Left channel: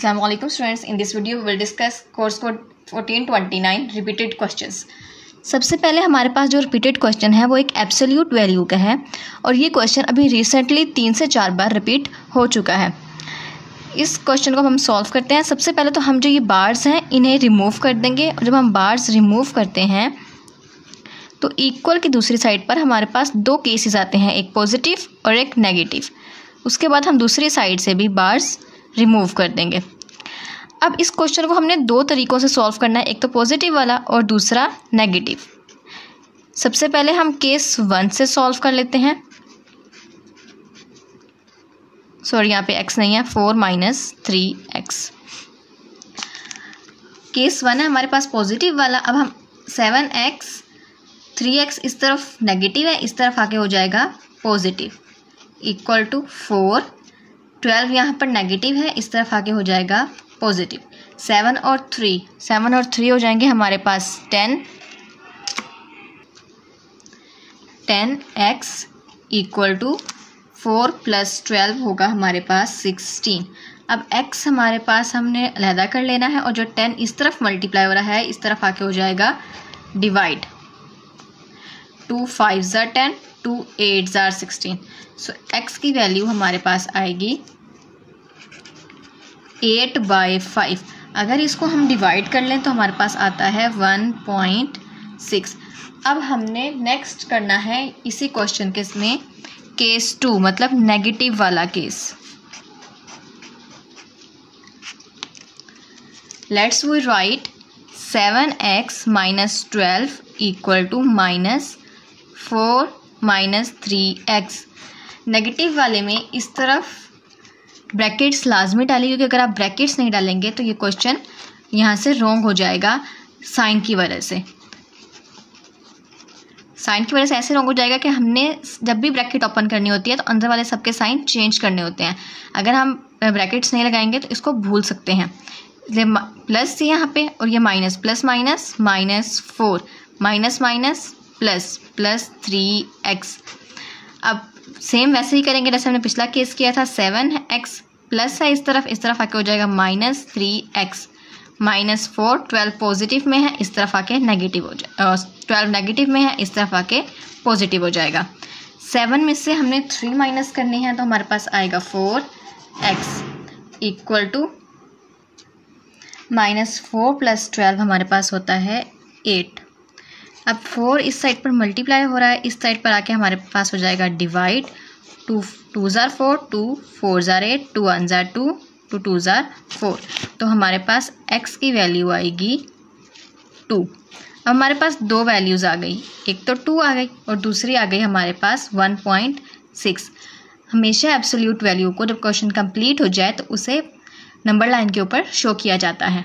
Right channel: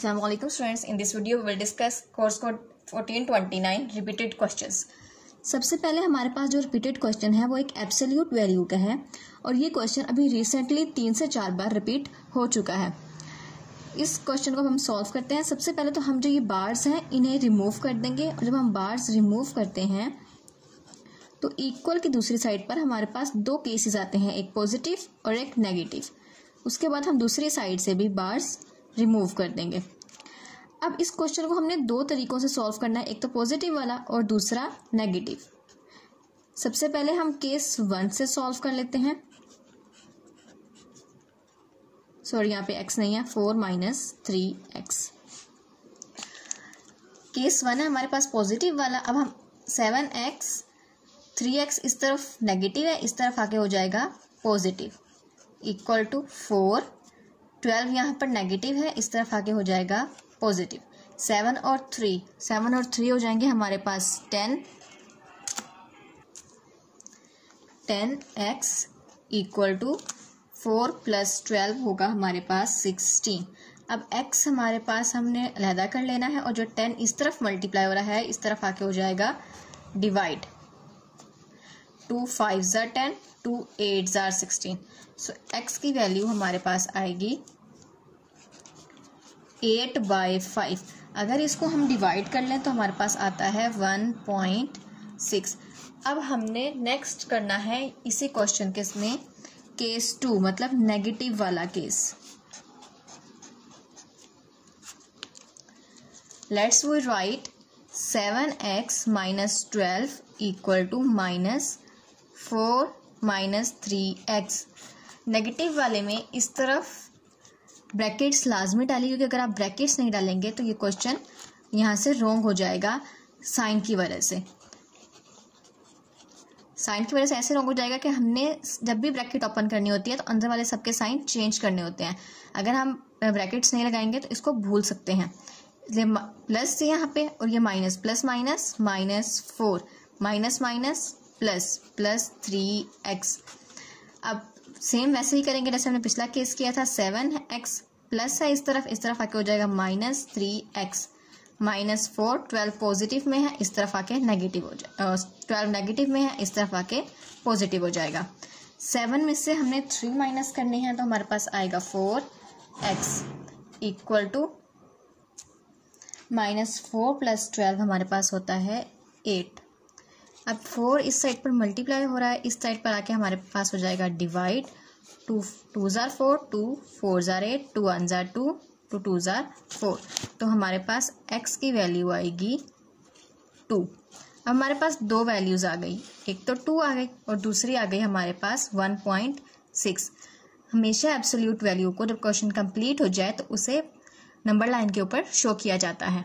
Assalamu alaikum students. In this video we will discuss course code 1429 repeated questions. सबसे पहले हमारे पास जो repeated question है वो एक एब्सोल्यूट वैल्यू का है और ये क्वेश्चन अभी रिसेंटली 3 से 4 बार रिपीट हो चुका है। इस क्वेश्चन को हम सॉल्व करते हैं। सबसे पहले तो हम जो ये बार्स हैं इन्हें रिमूव कर देंगे और जब हम बार्स रिमूव करते हैं तो इक्वल की दूसरी साइड पर हमारे पास दो केसेस आते हैं, एक पॉजिटिव और एक नेगेटिव। उसके बाद हम दूसरी साइड से भी बार्स रिमूव कर देंगे। अब इस क्वेश्चन को हमने दो तरीक़ों से सॉल्व करना है, एक तो पॉजिटिव वाला और दूसरा नेगेटिव। सबसे पहले हम केस 1 से सॉल्व कर लेते हैं। सॉरी, यहाँ पे x नहीं है, 4 - 3x। केस 1 है हमारे पास पॉजिटिव वाला। अब हम 7x 3x इस तरफ नेगेटिव है, इस तरफ आके हो जाएगा पॉजिटिव, इक्वल टू 4। 12 यहाँ पर नेगेटिव है, इस तरफ आके हो जाएगा पॉजिटिव। 7 और 3 हो जाएंगे हमारे पास 10x इक्वल टू 4 + 12 होगा हमारे पास 16। अब x हमारे पास हमने अलहदा कर लेना है और जो 10 इस तरफ मल्टीप्लाई हो रहा है इस तरफ आके हो जाएगा डिवाइड। 2 × 5 = 10, 2 × 8 = 16। सो x की वैल्यू हमारे पास आएगी 8/5। अगर इसको हम डिवाइड कर लें तो हमारे पास आता है 1.6। अब हमने नेक्स्ट करना है इसी क्वेश्चन के इसमें केस 2 मतलब नेगेटिव वाला केस। Let's we write 7x - 12 equal to -4 - 3x। Negative वाले में इस तरफ ब्रैकेट्स लाजमी डालिए, क्योंकि अगर आप ब्रैकेट्स नहीं डालेंगे तो ये क्वेश्चन यहाँ से रॉन्ग हो जाएगा साइन की वजह से। साइन की वजह से ऐसे रॉन्ग हो जाएगा कि हमने जब भी ब्रैकेट ओपन करनी होती है तो अंदर वाले सबके साइन चेंज करने होते हैं। अगर हम ब्रैकेट्स नहीं लगाएंगे तो इसको भूल सकते हैं। प्लस यहाँ पे और ये minus, plus minus -4 minus plus 3x। अब सेम वैसे ही करेंगे जैसे हमने पिछला केस किया था। 7x प्लस है इस तरफ आके हो जाएगा -3x -4। 12 पॉजिटिव में है, इस तरफ आके नेगेटिव हो जाएगा। 12 नेगेटिव में है, इस तरफ आके पॉजिटिव हो जाएगा। 7 में से हमने 3 माइनस करने हैं तो हमारे पास आएगा 4x इक्वल टू -4 + 12 हमारे पास होता है 8। अब 4 इस साइड पर मल्टीप्लाई हो रहा है, इस साइड पर आके हमारे पास हो जाएगा डिवाइड। 2 × 4 2 4 × 8 2 1 = 2 2 2 = 4। तो हमारे पास x की वैल्यू आएगी 2। अब हमारे पास दो वैल्यूज़ आ गई, एक तो 2 आ गई और दूसरी आ गई हमारे पास 1.6। हमेशा एब्सोल्यूट वैल्यू को जब क्वेश्चन कंप्लीट हो जाए तो उसे नंबर लाइन के ऊपर शो किया जाता है।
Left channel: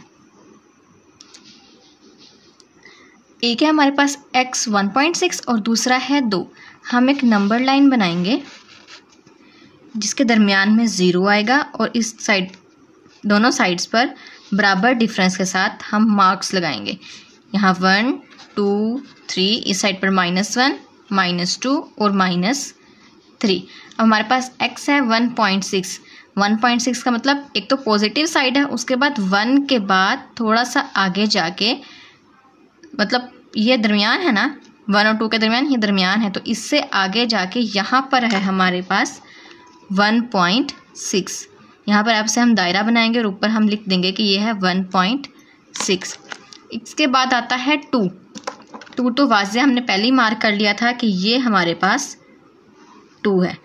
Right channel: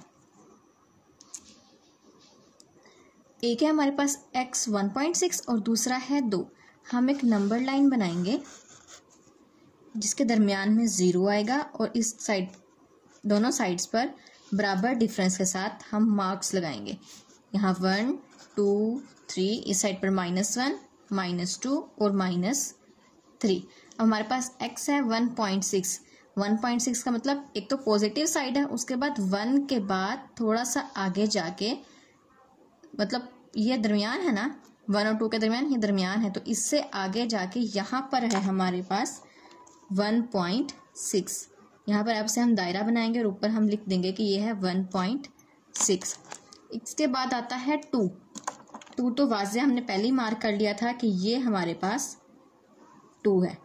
एक है हमारे पास x 1.6 और दूसरा है 2। हम एक नंबर लाइन बनाएंगे जिसके दरमियान में 0 आएगा और इस साइड दोनों साइड्स पर बराबर डिफरेंस के साथ हम मार्क्स लगाएंगे। यहाँ 1 2 3, इस साइड पर -1 -2 और -3। अब हमारे पास x है 1.6। 1.6 का मतलब एक तो पॉजिटिव साइड है, उसके बाद 1 के बाद थोड़ा सा आगे जाके, मतलब ये दरमियान है ना, 1 और 2 के दरमियान, ये दरमियान है, तो इससे आगे जाके यहाँ पर है हमारे पास 1.6। यहाँ पर आपसे हम दायरा बनाएंगे और ऊपर हम लिख देंगे कि ये है 1.6। इसके बाद आता है 2 तो वाज़े हमने पहले ही मार्क कर लिया था कि ये हमारे पास 2 है।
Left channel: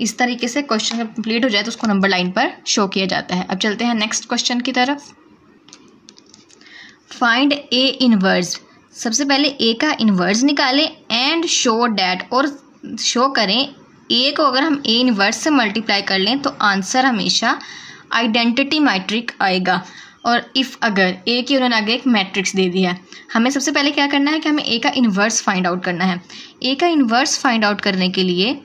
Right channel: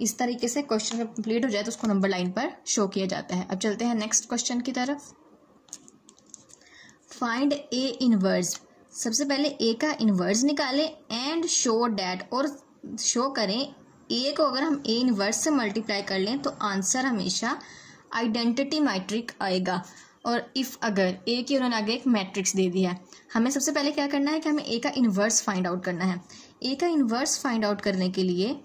इस तरीके से क्वेश्चन जब कंप्लीट हो जाए तो उसको नंबर लाइन पर शो किया जाता है। अब चलते हैं नेक्स्ट क्वेश्चन की तरफ। Find A inverse. सबसे पहले ए का इन्वर्स निकालें एंड शो डैट, और शो करें ए को अगर हम ए इन्वर्स से मल्टीप्लाई कर लें तो आंसर हमेशा आइडेंटिटी मैट्रिक आएगा। और इफ़ अगर ए की उन्होंने आगे एक मैट्रिक्स दे दिया है, हमें सबसे पहले क्या करना है कि हमें ए का इन्वर्स फाइंड आउट करना है। ए का इन्वर्स फाइंड आउट करने के लिए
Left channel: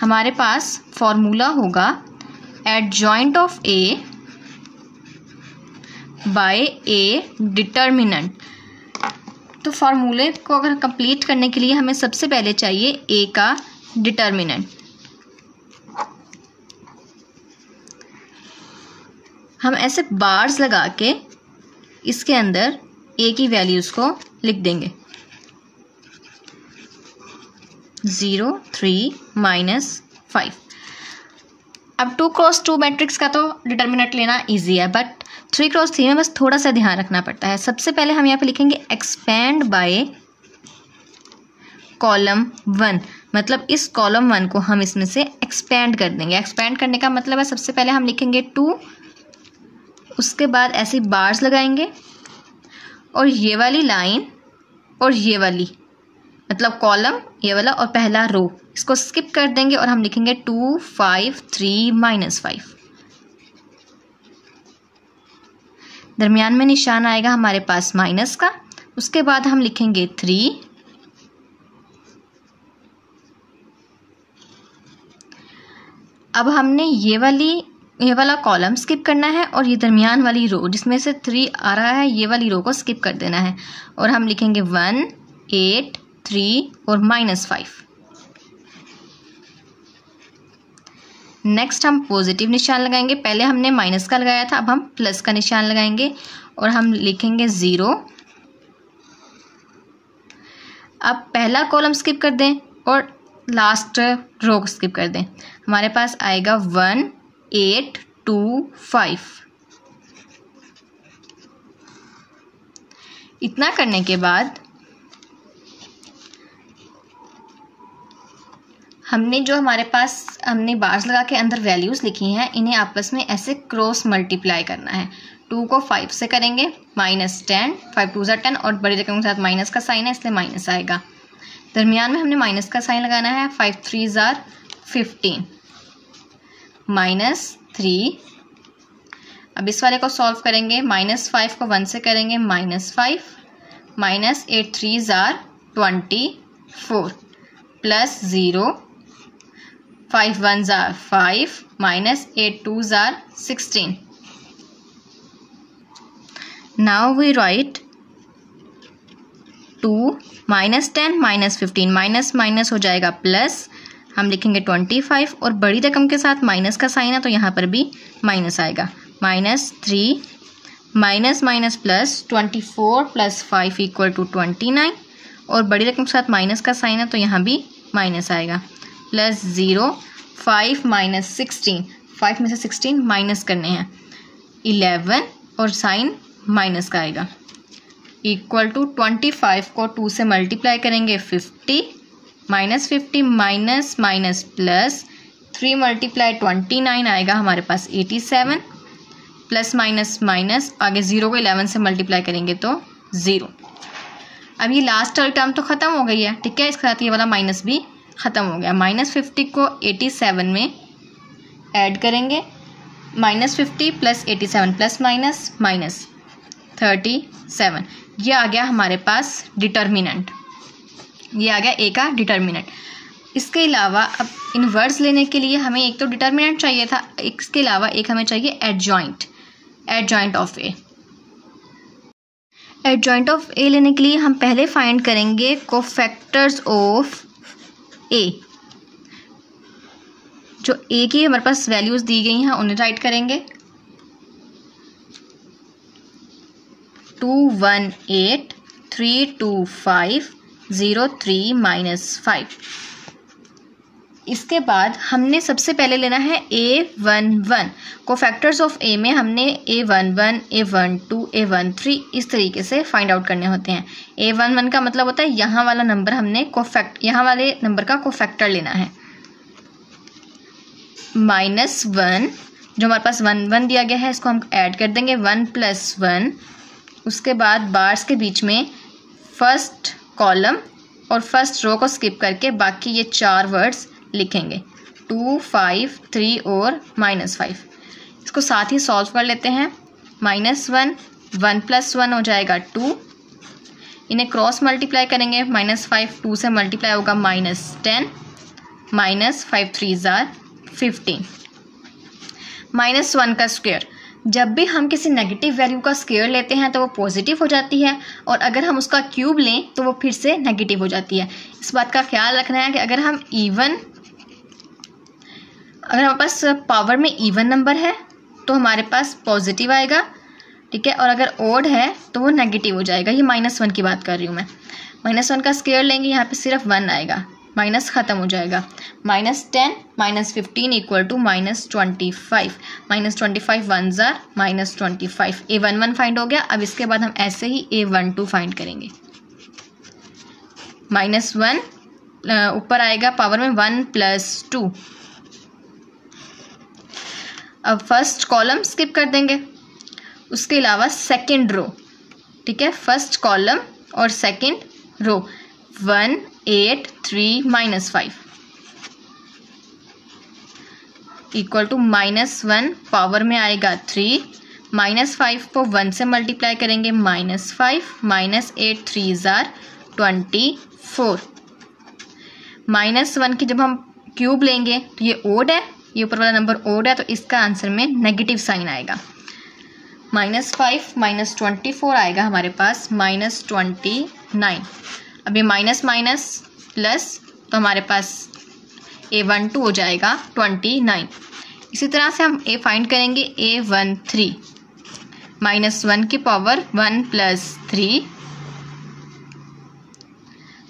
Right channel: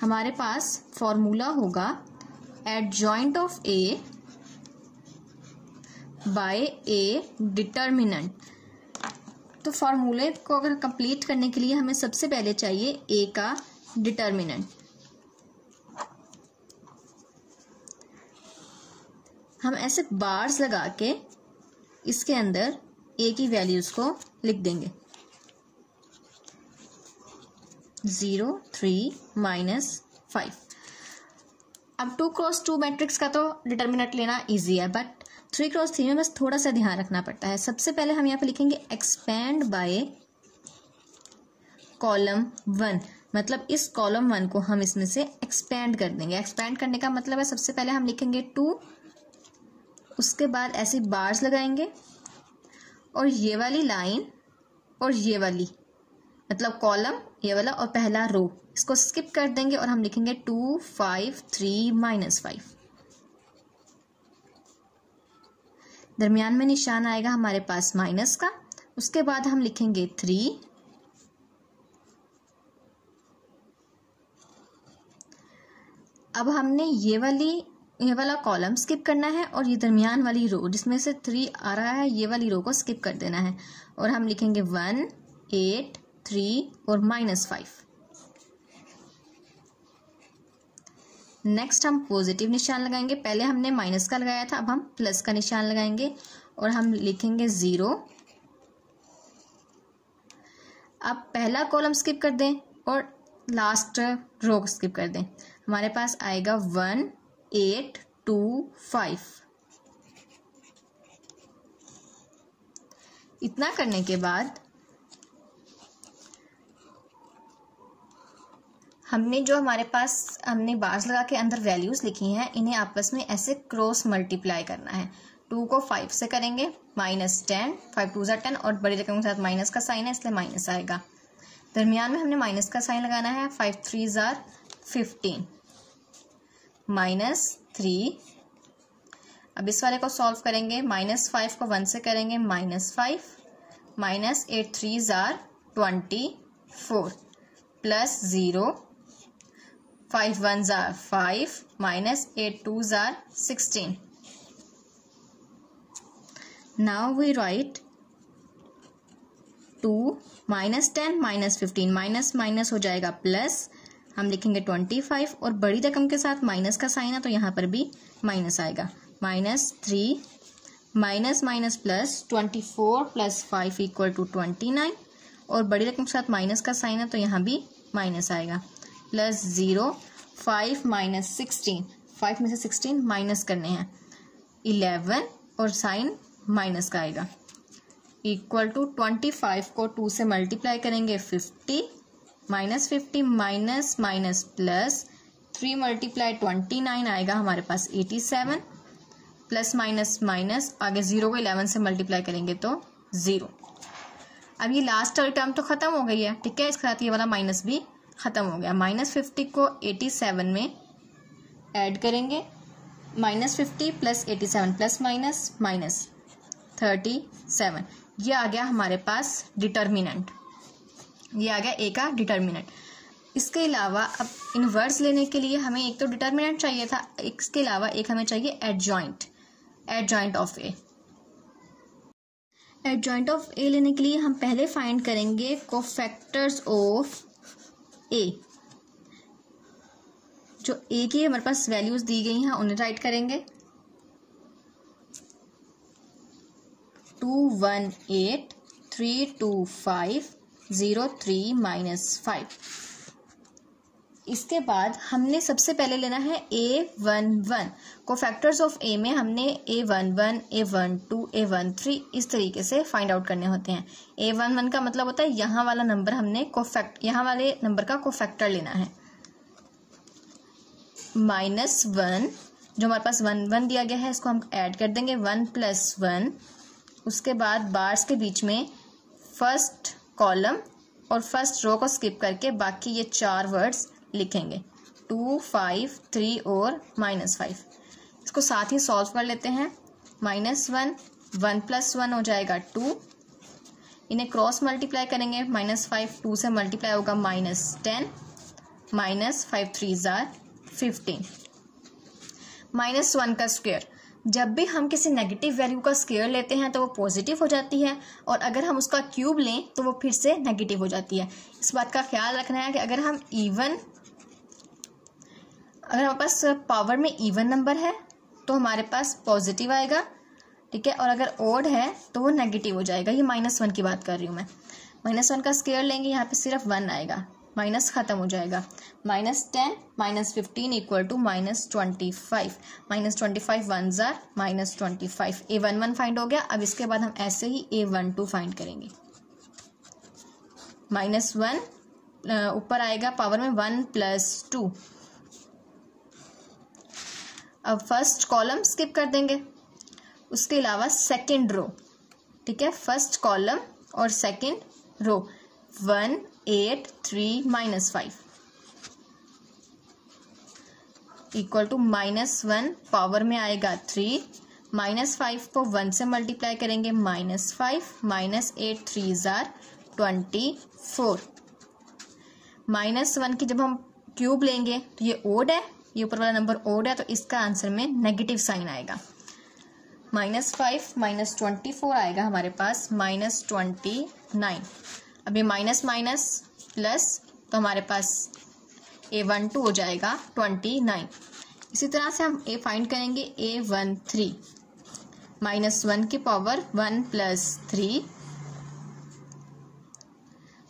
हमारे पास फॉर्मूला होगा adjoint of A by A determinant. तो फार्मूले को अगर कंप्लीट करने के लिए हमें सबसे पहले चाहिए ए का डिटर्मिनेंट। हम ऐसे बार्स लगा के इसके अंदर ए की वैल्यूज़ को लिख देंगे। 0, 3, -5। अब 2x2 मैट्रिक्स का तो डिटर्मिनेंट लेना इजी है, बट 3x3 में बस थोड़ा सा ध्यान रखना पड़ता है। सबसे पहले हम यहाँ पे लिखेंगे एक्सपेंड बाय कॉलम 1, मतलब इस कॉलम 1 को हम इसमें से एक्सपेंड कर देंगे। एक्सपेंड करने का मतलब है सबसे पहले हम लिखेंगे 2, उसके बाद ऐसी बार्स लगाएंगे और ये वाली लाइन और ये वाली, मतलब कॉलम ये वाला और पहला रो, इसको स्किप कर देंगे और हम लिखेंगे 2, 5, 3, -5। दरमियान में निशान आएगा हमारे पास माइनस का, उसके बाद हम लिखेंगे 3, अब हमने ये वाला कॉलम स्किप करना है और ये दरमियान वाली रो जिसमें से 3 आ रहा है, ये वाली रो को स्किप कर देना है और हम लिखेंगे 1, 8, 3 और -5। नेक्स्ट हम पॉजिटिव निशान लगाएंगे। पहले हमने माइनस का लगाया था, अब हम प्लस का निशान लगाएंगे और हम लिखेंगे 0। अब पहला कॉलम स्किप कर दें और लास्ट रो को स्किप कर दें। हमारे पास आएगा 1, 8, 2, 5। इतना करने के बाद हमने बार्स लगा के अंदर वैल्यूज़ लिखी हैं, इन्हें आपस में ऐसे क्रॉस मल्टीप्लाई करना है। 2 को 5 से करेंगे -10, 5 2 = 10 और बड़ी रकम के साथ माइनस का साइन है इसलिए माइनस आएगा। दरमियान में हमने माइनस का साइन लगाना है। 5 3 = 15 -3। अब इस वाले को सॉल्व करेंगे। -5 को 1 से करेंगे -5, -8 3 = 24 +0, 5 1 = 5, -8 2 = 16। Now we write 2 -10 -15 माइनस हो जाएगा प्लस, हम लिखेंगे 25 और बड़ी रकम के साथ माइनस का साइन है तो यहाँ पर भी माइनस आएगा। -3 माइनस प्लस 24 + 5 = 29 और बड़ी रकम के साथ माइनस का साइन है तो यहाँ भी माइनस आएगा। +0, 5 - 16, 5 में से 16 माइनस करने हैं 11 और साइन माइनस का आएगा = 25 को 2 से मल्टीप्लाई करेंगे 50, -50 माइनस प्लस 3 × 29 आएगा हमारे पास 87, प्लस माइनस आगे 0 को 11 से मल्टीप्लाई करेंगे तो 0। अब ये लास्ट वाली टर्म तो ख़त्म हो गई है, ठीक है, इसके साथ ये वाला माइनस भी ख़त्म हो गया। -50 को 87 में ऐड करेंगे, -50 + 87 ± -37। ये आ गया हमारे पास डिटर्मिनेंट, ये आ गया ए का डिटर्मिनेंट। इसके अलावा अब इनवर्स लेने के लिए हमें एक तो डिटर्मिनेंट चाहिए था, इसके अलावा एक हमें चाहिए adjoint of A. Adjoint of A लेने के लिए हम पहले फाइंड करेंगे कोफैक्टर्स ऑफ ए। जो ए की हमारे पास वैल्यूज़ दी गई हैं उन्हें राइट करेंगे। 218 325 03 -5। इसके बाद हमने सबसे पहले लेना है A11। कोफैक्टर्स ऑफ ए में हमने A11, A12, A13 इस तरीके से फाइंड आउट करने होते हैं। A11 का मतलब होता है यहाँ वाला नंबर यहाँ वाले नंबर का कोफैक्टर लेना है। -1 जो हमारे पास 1 दिया गया है इसको हम ऐड कर देंगे 1 + 1। उसके बाद बार्स के बीच में फर्स्ट कॉलम और फर्स्ट रो को स्किप करके बाकी ये 4 वर्ड्स लिखेंगे 2, 5, 3 और -5। इसको साथ ही सॉल्व कर लेते हैं। -1 1 + 1 हो जाएगा 2, इन्हें क्रॉस मल्टीप्लाई करेंगे। -5 2 से मल्टीप्लाई होगा -10, -5 3 = 15। -1 का स्क्वायर, जब भी हम किसी नेगेटिव वैल्यू का स्क्वायर लेते हैं तो वो पॉजिटिव हो जाती है और अगर हम उसका क्यूब लें तो वो फिर से नेगेटिव हो जाती है। इस बात का ख्याल रखना है कि अगर हमारे पास पावर में इवन नंबर है तो हमारे पास पॉजिटिव आएगा, ठीक है, और अगर ओड है तो वो नेगेटिव हो जाएगा। ये -1 की बात कर रही हूँ मैं। -1 का स्क्वायर लेंगे, यहाँ पे सिर्फ 1 आएगा, माइनस ख़त्म हो जाएगा। -10 -15 equal to -25। -25 1 jar -25। A11 find हो गया। अब इसके बाद हम ऐसे ही A12 फाइंड करेंगे। -1 ऊपर आएगा पावर में 1 + 2। अब फर्स्ट कॉलम स्किप कर देंगे, उसके अलावा सेकंड रो, ठीक है, फर्स्ट कॉलम और second row 1 8 3 -5 equal to -1 power में आएगा 3, -5 को 1 से मल्टीप्लाई करेंगे -5 -8 3 जार 24। -1 की जब हम क्यूब लेंगे तो ये ओड है, ये ऊपर वाला नंबर ओड है, तो इसका आंसर में नेगेटिव साइन आएगा। -5 -24 आएगा हमारे पास -29। अब ये माइनस माइनस प्लस, तो हमारे पास A12 हो जाएगा 29। इसी तरह से हम A फाइंड करेंगे A13 -1 की पावर 1 + 3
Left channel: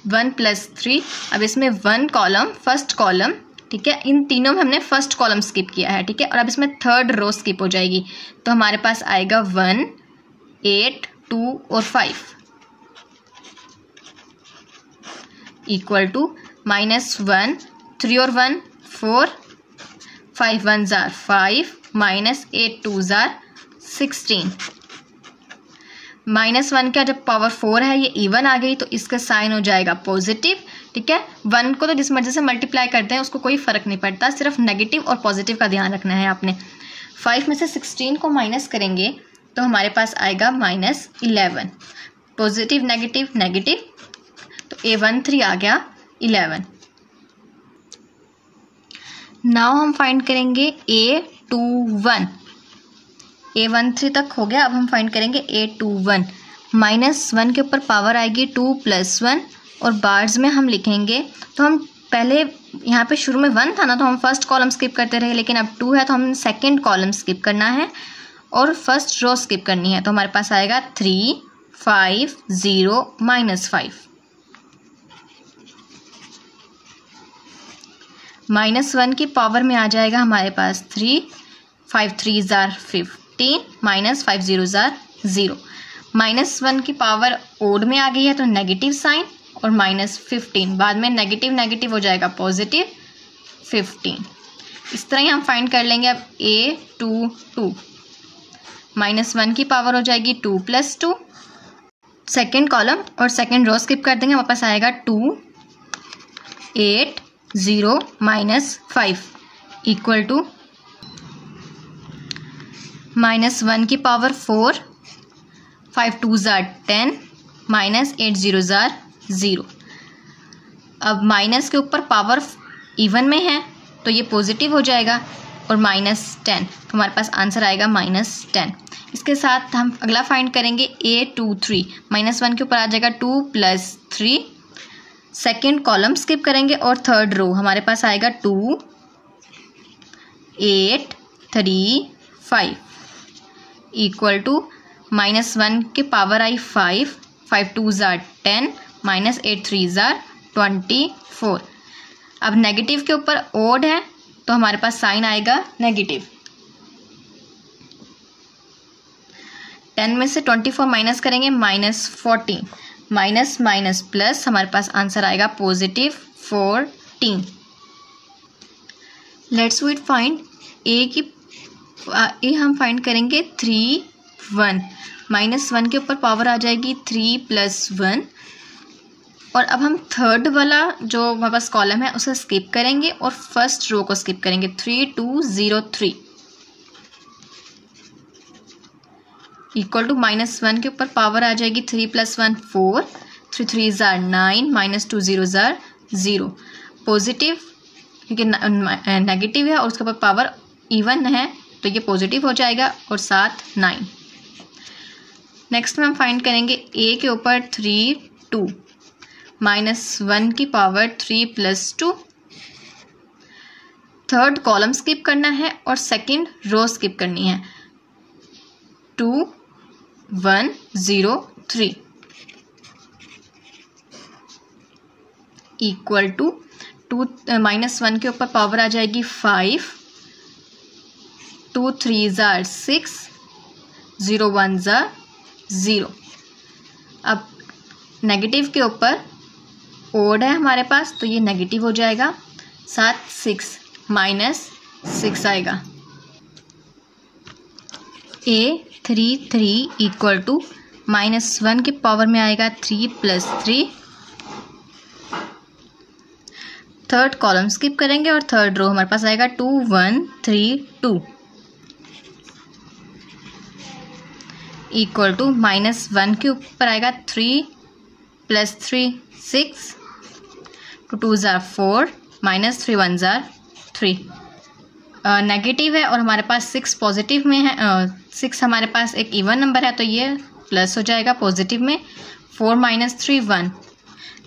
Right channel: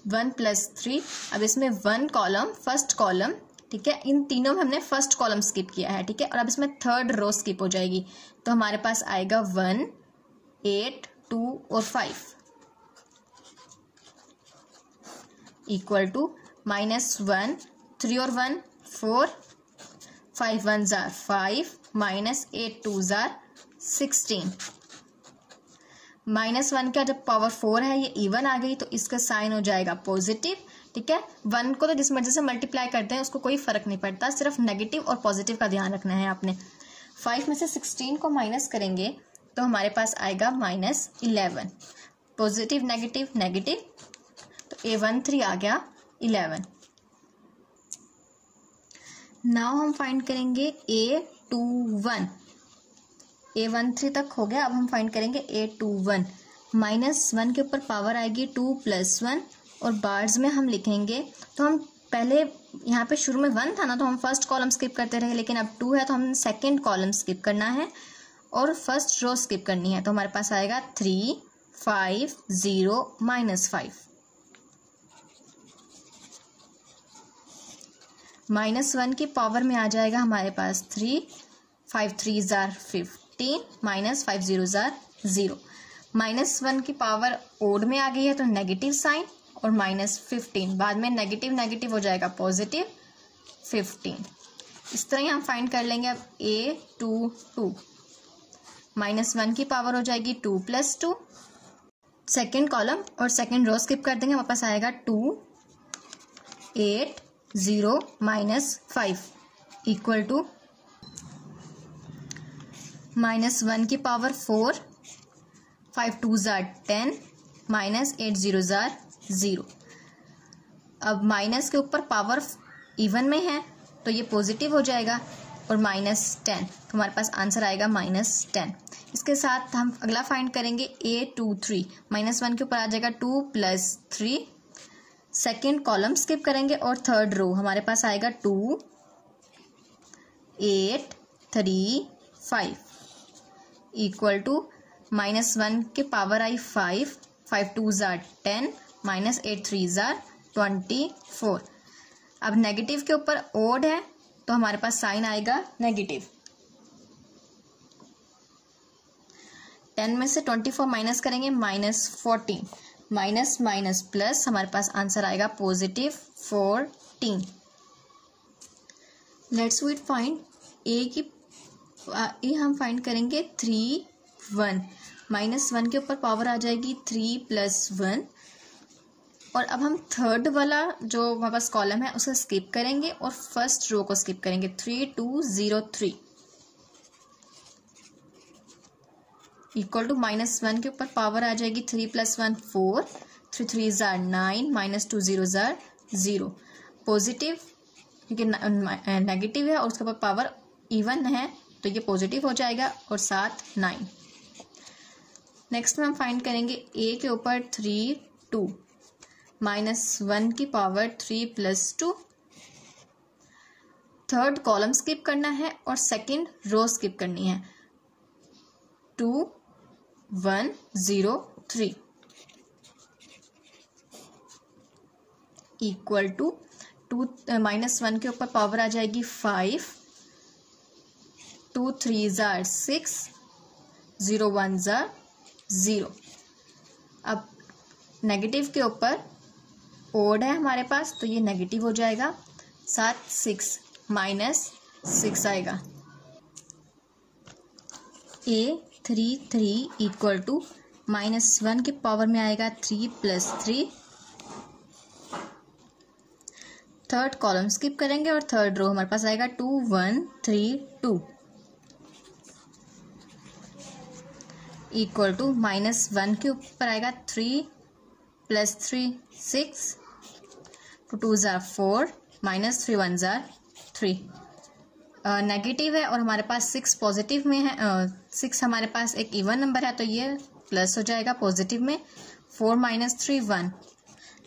1 + 3। अब इसमें 1 कॉलम फर्स्ट कॉलम, ठीक है, इन तीनों में हमने फर्स्ट कॉलम स्किप किया है, ठीक है, और अब इसमें थर्ड रो स्किप हो जाएगी, तो हमारे पास आएगा 1 8 2 और 5 इक्वल टू -1 3 और 1 4 5 1 जार 5 -8 2 जार 16। -1 का जब पावर 4 है ये इवन आ गई तो इसका साइन हो जाएगा पॉजिटिव, ठीक है। 1 को तो जिस मर्जी से मल्टीप्लाई करते हैं उसको कोई फ़र्क नहीं पड़ता, सिर्फ नेगेटिव और पॉजिटिव का ध्यान रखना है आपने। 5 में से 16 को माइनस करेंगे तो हमारे पास आएगा -11। पॉजिटिव नेगेटिव नेगेटिव, तो A13 आ गया 11। नाउ हम फाइंड करेंगे A21। A13 तक हो गया, अब हम फाइंड करेंगे A21। -1 के ऊपर पावर आएगी 2 + 1 और बार्स में हम लिखेंगे, तो हम पहले यहाँ पे शुरू में 1 था ना, तो हम फर्स्ट कॉलम स्किप करते रहे, लेकिन अब 2 है तो हम सेकंड कॉलम स्किप करना है और फर्स्ट रो स्किप करनी है। तो हमारे पास आएगा 3 5 0 -5। -1 की पावर में आ जाएगा हमारे पास 3 5 3 जार 15 -5 0 जार 0। -1 की पावर ओड में आ गई है तो नेगेटिव साइन और -15, बाद में नेगेटिव नेगेटिव हो जाएगा पॉजिटिव 15। इस तरह ही हम फाइंड कर लेंगे। अब A22 -1 की पावर हो जाएगी 2 + 2, सेकेंड कॉलम और सेकेंड रो स्किप कर देंगे, हमारे पास आएगा 2 8 0 -5 इक्वल टू -1 की पावर 4 5 2 जार 10 -8 0 जार 0। अब माइनस के ऊपर पावर इवन में है तो ये पॉजिटिव हो जाएगा और -10, तो हमारे पास आंसर आएगा -10। इसके साथ हम अगला फाइंड करेंगे A23। -1 के ऊपर आ जाएगा 2 + 3, सेकेंड कॉलम स्किप करेंगे और थर्ड रो हमारे पास आएगा 2 8 3 5 इक्वल टू -1 की पावर आई 5 5 2 जार 10 -8 3 जार 24। अब नेगेटिव के ऊपर ओड है तो हमारे पास साइन आएगा नेगेटिव। 10 में से 24 माइनस करेंगे -14, माइनस माइनस प्लस, हमारे पास आंसर आएगा +14। लेट्स वी फाइंड ए हम फाइंड करेंगे 3 1। -1 के ऊपर पावर आ जाएगी 3 + 1 और अब हम थर्ड वाला जो हमारे पास कॉलम है उसे स्किप करेंगे और फर्स्ट रो को स्किप करेंगे 3 2 0 3 इक्वल टू -1 के ऊपर पावर आ जाएगी 3 + 1 4 3 3 जार 9 -2 0 जार 0। पॉजिटिव क्योंकि नेगेटिव है और उसके ऊपर पावर इवन है तो ये पॉजिटिव हो जाएगा और साथ 9। नेक्स्ट में हम फाइंड करेंगे ए के ऊपर 3 2 -1 की पावर 3 + 2 थर्ड कॉलम स्किप करना है और सेकंड रो स्किप करनी है। 2 1 0 3 इक्वल टू 2 -1 के ऊपर पावर आ जाएगी 5, 2 3 जार 6, 0 1 जार 0। अब नेगेटिव के ऊपर ओड है हमारे पास, तो ये नेगेटिव हो जाएगा। साथ 6 -6 आएगा। A33 इक्वल टू -1 के पावर में आएगा 3 + 3। थर्ड कॉलम स्किप करेंगे और थर्ड रो हमारे पास आएगा 2 1 3 2 इक्वल टू -1 के ऊपर आएगा 3 + 3 6, 2 2 जार 4, -3 1 जार 3। नेगेटिव है और हमारे पास 6 पॉजिटिव में है। 6 हमारे पास एक इवन नंबर है, तो ये प्लस हो जाएगा पॉजिटिव में। 4 - 3 1,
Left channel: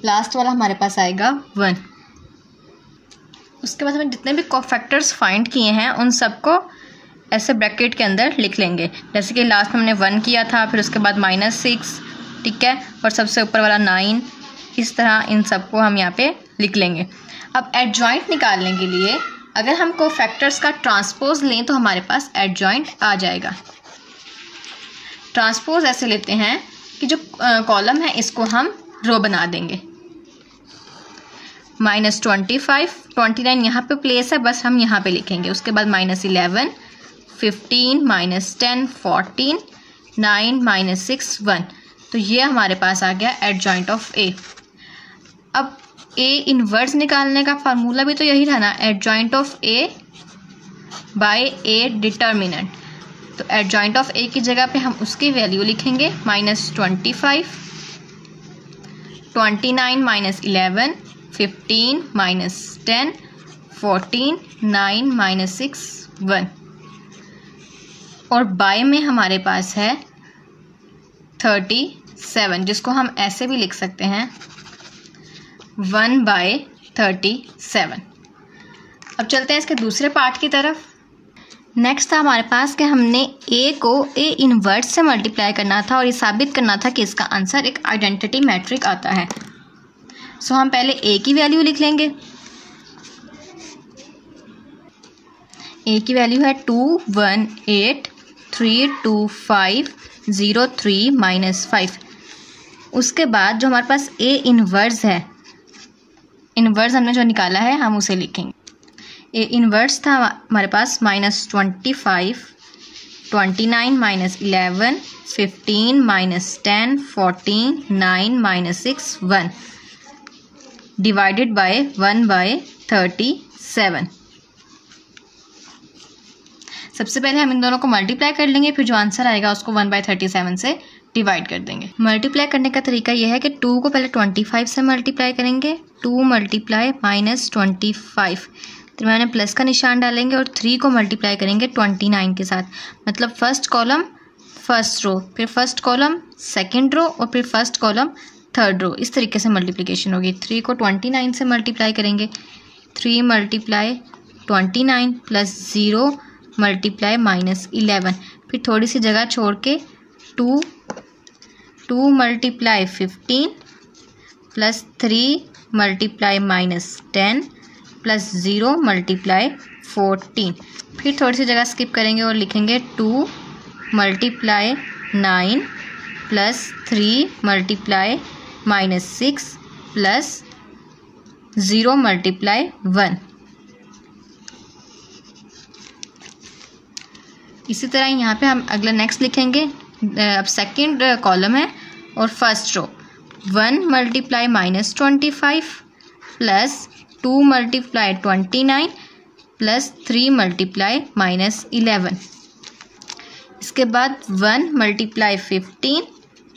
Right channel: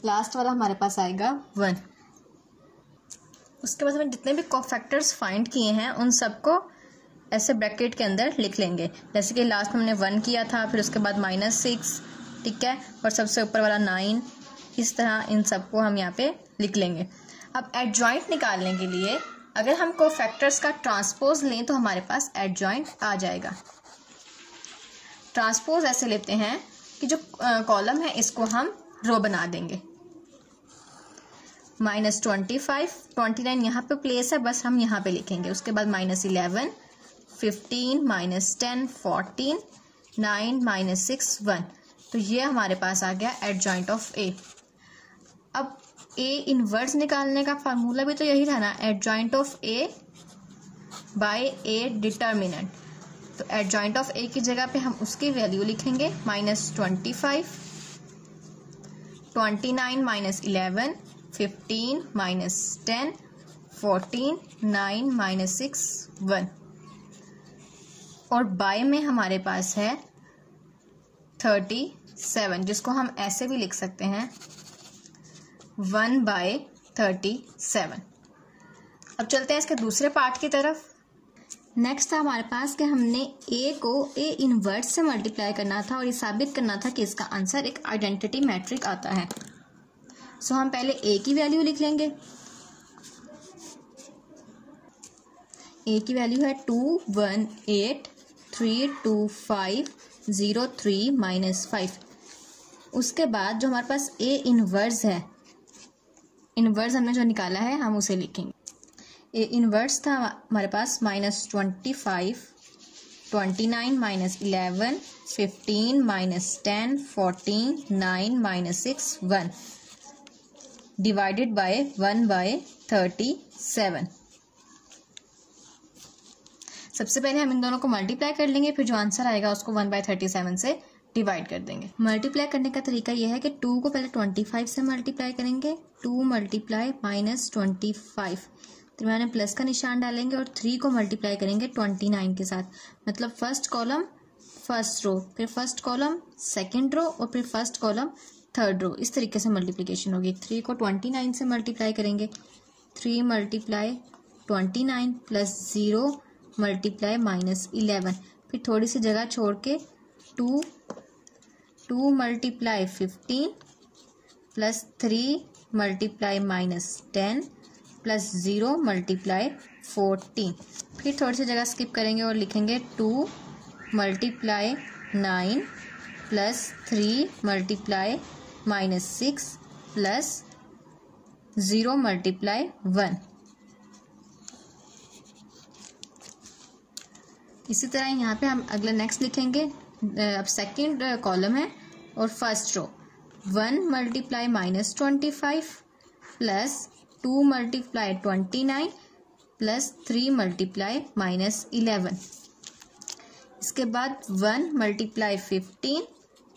लास्ट वाला हमारे पास आएगा 1। उसके बाद हमें जितने भी कोफैक्टर्स फाइंड किए हैं उन सबको ऐसे ब्रैकेट के अंदर लिख लेंगे। जैसे कि लास्ट में हमने 1 किया था, फिर उसके बाद -6, ठीक है, और सबसे ऊपर वाला 9। इस तरह इन सबको हम यहाँ पे लिख लेंगे। अब एडजॉइंट निकालने के लिए अगर हम कोफैक्टर्स का ट्रांसपोज लें तो हमारे पास एडजॉइंट आ जाएगा। ट्रांसपोज ऐसे लेते हैं कि जो कॉलम है इसको हम रो बना देंगे। -25 29 यहाँ पे प्लेस है, बस हम यहाँ पे लिखेंगे। उसके बाद -11 15 -10 14 9 -6 1। तो ये हमारे पास आ गया एडजॉइंट ऑफ ए। अब ए इनवर्स निकालने का फार्मूला भी तो यही था ना, adjoint of A by A determinant. तो एडजॉइंट ऑफ ए की जगह पे हम उसकी वैल्यू लिखेंगे। -25 29 -11 15 -10 14 9 -6 1। और बाय में हमारे पास है 37, जिसको हम ऐसे भी लिख सकते हैं 1/37। अब चलते हैं इसके दूसरे पार्ट की तरफ। नेक्स्ट था हमारे पास कि हमने ए को ए इनवर्स से मल्टीप्लाई करना था और ये साबित करना था कि इसका आंसर एक आइडेंटिटी मैट्रिक आता है। सो हम पहले ए की वैल्यू लिख लेंगे। ए की वैल्यू है 2 1 8 3 2 5 0 3 -5। उसके बाद जो हमारे पास ए इनवर्स है, इनवर्स हमने जो निकाला है हम उसे लिखेंगे। ए इनवर्स था हमारे पास -25 29 -11 15 -10 14 9 -6 1 डिवाइडेड बाय 1/37। सबसे पहले हम इन दोनों को मल्टीप्लाई कर लेंगे, फिर जो आंसर आएगा उसको 1/37 से डिवाइड कर देंगे। मल्टीप्लाई करने का तरीका यह है कि 2 को पहले 25 से मल्टीप्लाई करेंगे। 2 × -25, तो मैंने प्लस का निशान डालेंगे और 3 को मल्टीप्लाई करेंगे 29 के साथ। मतलब फर्स्ट कॉलम फर्स्ट रो, फिर फर्स्ट कॉलम सेकंड रो और फिर फर्स्ट कॉलम थर्ड रो। इस तरीके से मल्टीप्लिकेशन होगी। 3 को 29 से मल्टीप्लाई करेंगे। 3 × 29 + 0 × -11, फिर थोड़ी सी जगह छोड़ के 2 × 15 + 3 × -10 + 0 × 14। फिर थोड़ी सी जगह स्किप करेंगे और लिखेंगे 2 × 9 + 3 × -6 + 0 × 1। इसी तरह यहाँ पे हम अगला नेक्स्ट लिखेंगे। अब सेकंड कॉलम है और फर्स्ट रो 1 × -25 + 2 × 29 + 3 × -11। इसके बाद 1 × 15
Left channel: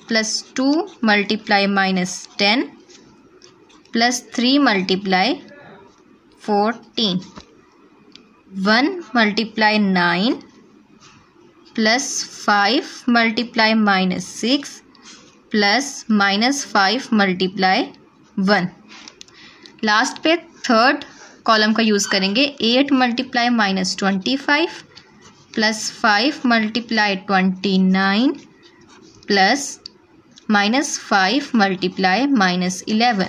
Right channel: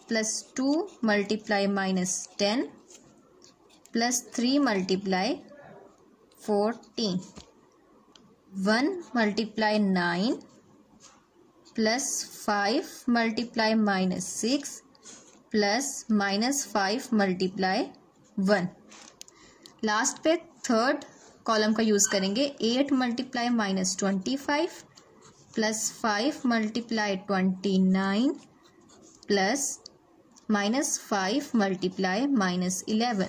+ 2 × -10 + 3 × 14। 1 × 9 + 5 × -6 + -5 × 1। लास्ट पे थर्ड कॉलम का यूज़ करेंगे। 8 multiply -25 plus 5 multiply 29 plus -5 multiply -11।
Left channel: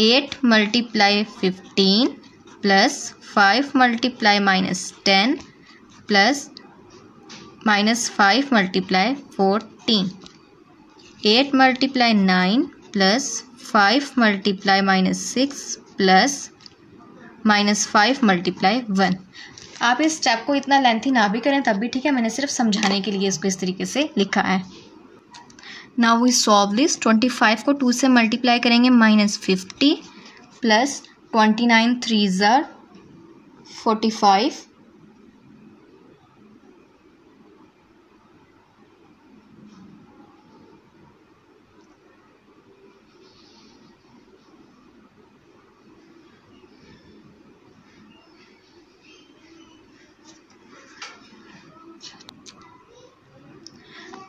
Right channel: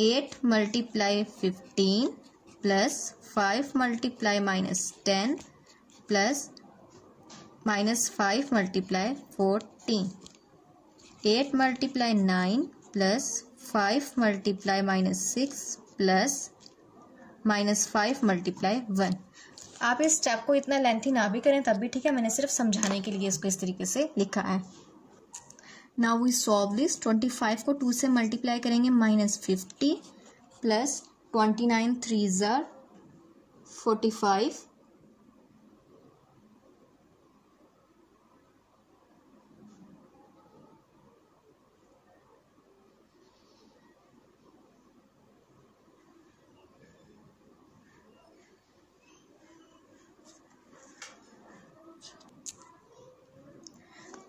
8 multiply 15 plus 5 multiply -10 plus -5 multiply 14। 8 multiply 9 plus 5 multiply -6 plus -5 multiply 1। आप इस स्टेप को इतना लेंथी ना भी करें तब भी ठीक है, मैंने सिर्फ समझाने के लिए इसको इस तरीके से लिखा है। Now we solve this. 25 को 2 से मल्टीप्लाई करेंगे -50 प्लस 29 3 ज़ार 45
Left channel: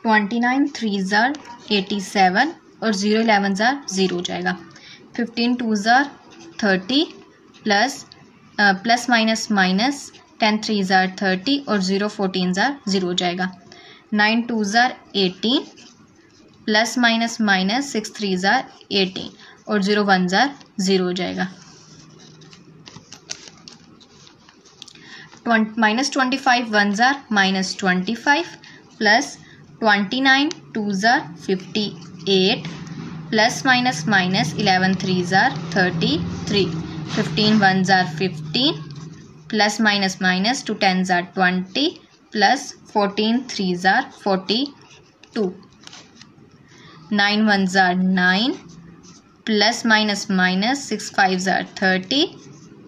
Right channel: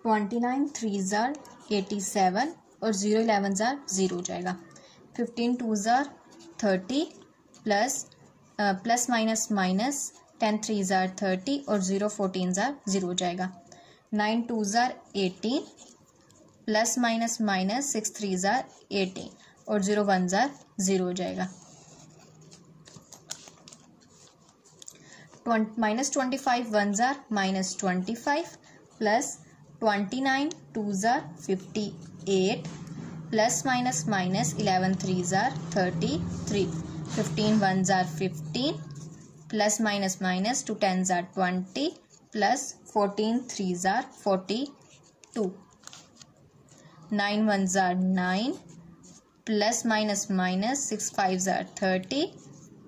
29 3 ज़ार 87 और 0 11 ज़ार 0 हो जाएगा। 15 2 ज़ार 30 प्लस माइनस 10 3 ज़ार 30 और 0 14 ज़ार 0 हो जाएगा। 9 2 ज़ार 18 प्लस माइनस 6 3 ज़ार 18 और 0 1 ज़ार 0 हो जाएगा। -25 1 ज़ार -25 प्लस 29 2 ज़ार 58 प्लस माइनस 11 3 ज़ार 33। 15 1 ज़ार 15 प्लस माइनस 2 10 ज़ार 20 प्लस 14 3 ज़ार 42। 9 1 ज़ार 9 प्लस माइनस 6 5 ज़ार 30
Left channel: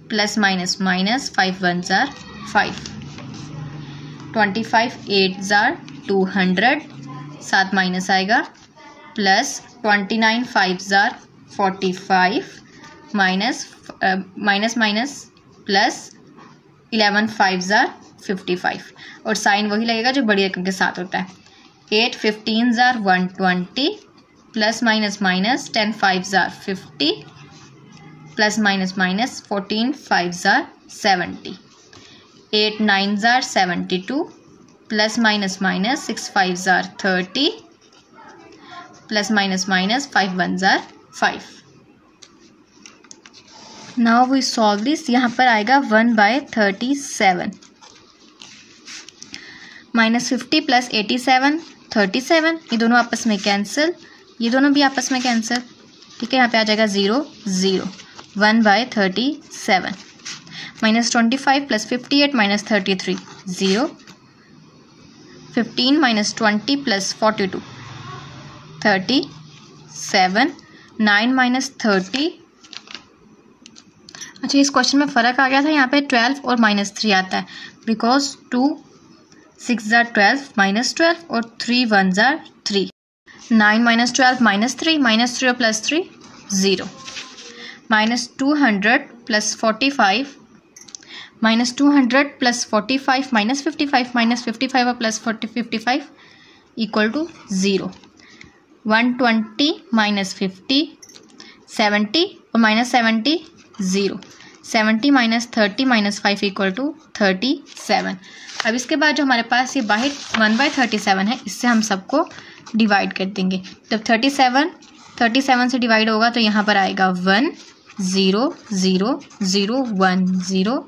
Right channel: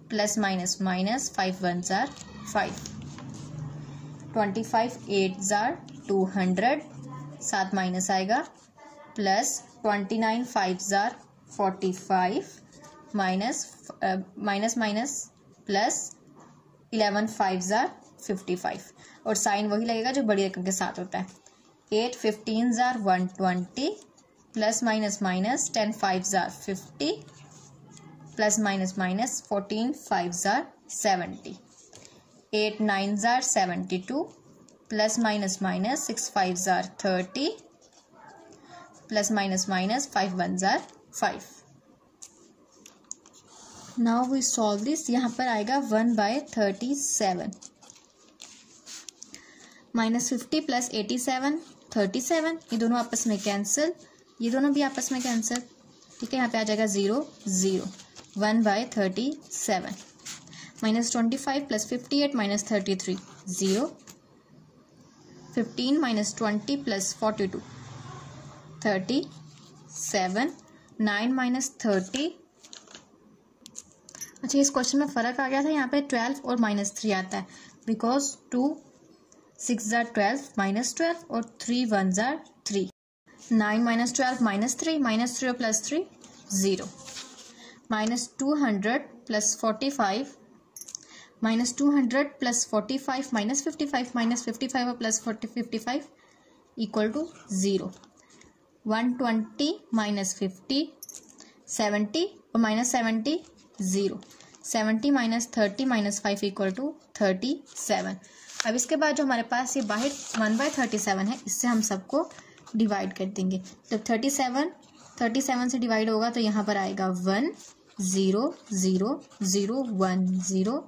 प्लस माइनस 5 1 ज़ार 5। 25 8 ज़ार 200 साथ माइनस आएगा प्लस 29 5 ज़ार 45 माइनस प्लस 11 5 ज़ार 55 और साइन वही लगेगा जो बड़ी रकम के साथ होता है। 8 15 ज़ार 120 प्लस माइनस 10 5 ज़ार 50 प्लस माइनस 14 5 ज़ार 70। 8 9 ज़ार 72 प्लस माइनस 6 5 ज़ार 30 प्लस माइनस 5 1 ज़ार 5। Now we solve this. यहाँ पर आएगा 1/37 -50 प्लस 87 37। ये दोनों आपस में कैंसिल, ये दोनों भी आपस में कैंसिल, ठीक है। यहाँ पे आ जाएगा 0 0। 1/37 -25 प्लस 58 -33 0। 15 -20 प्लस 42 37। 9 -30। अच्छा, इस क्वेश्चन में फ़र्क आ गया था, यहाँ पे 12 और -3 आता है बिकॉज 2 6 ज़ार 12 -12 और 3 1 ज़ार 3। 9 -12 -3 -3 और प्लस 3 0। -200 प्लस 45 -200 प्लस 45 -55 और प्लस 55 इक्वल टू 0। 120 -50 70 और -70 0। 70 -30 -5 इक्वल टू 37। अब इसके बाद जो हमारे पास ये 1/37 है, इससे हम सबको डिवाइड कर देंगे। जब 37 से डिवाइड होगा तो यहाँ पर आएगा 1 0 0 0 1 0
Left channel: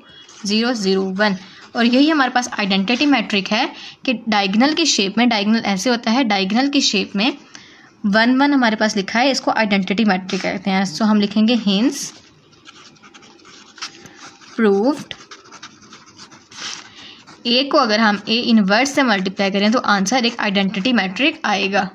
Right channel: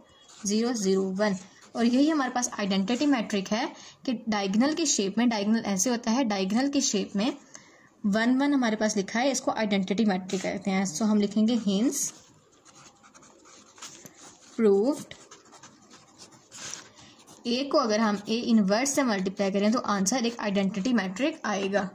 0 0 1। और यही हमारे पास आइडेंटिटी मैट्रिक है कि डायगोनल की शेप में, डायगोनल ऐसे होता है, डायगोनल की शेप में 1 1 हमारे पास लिखा है, इसको आइडेंटिटी मैट्रिक कहते हैं। सो हम लिखेंगे हेंस प्रूव्ड। ए को अगर हम ए इनवर्स से मल्टीप्लाई करें तो आंसर एक आइडेंटिटी मैट्रिक आएगा।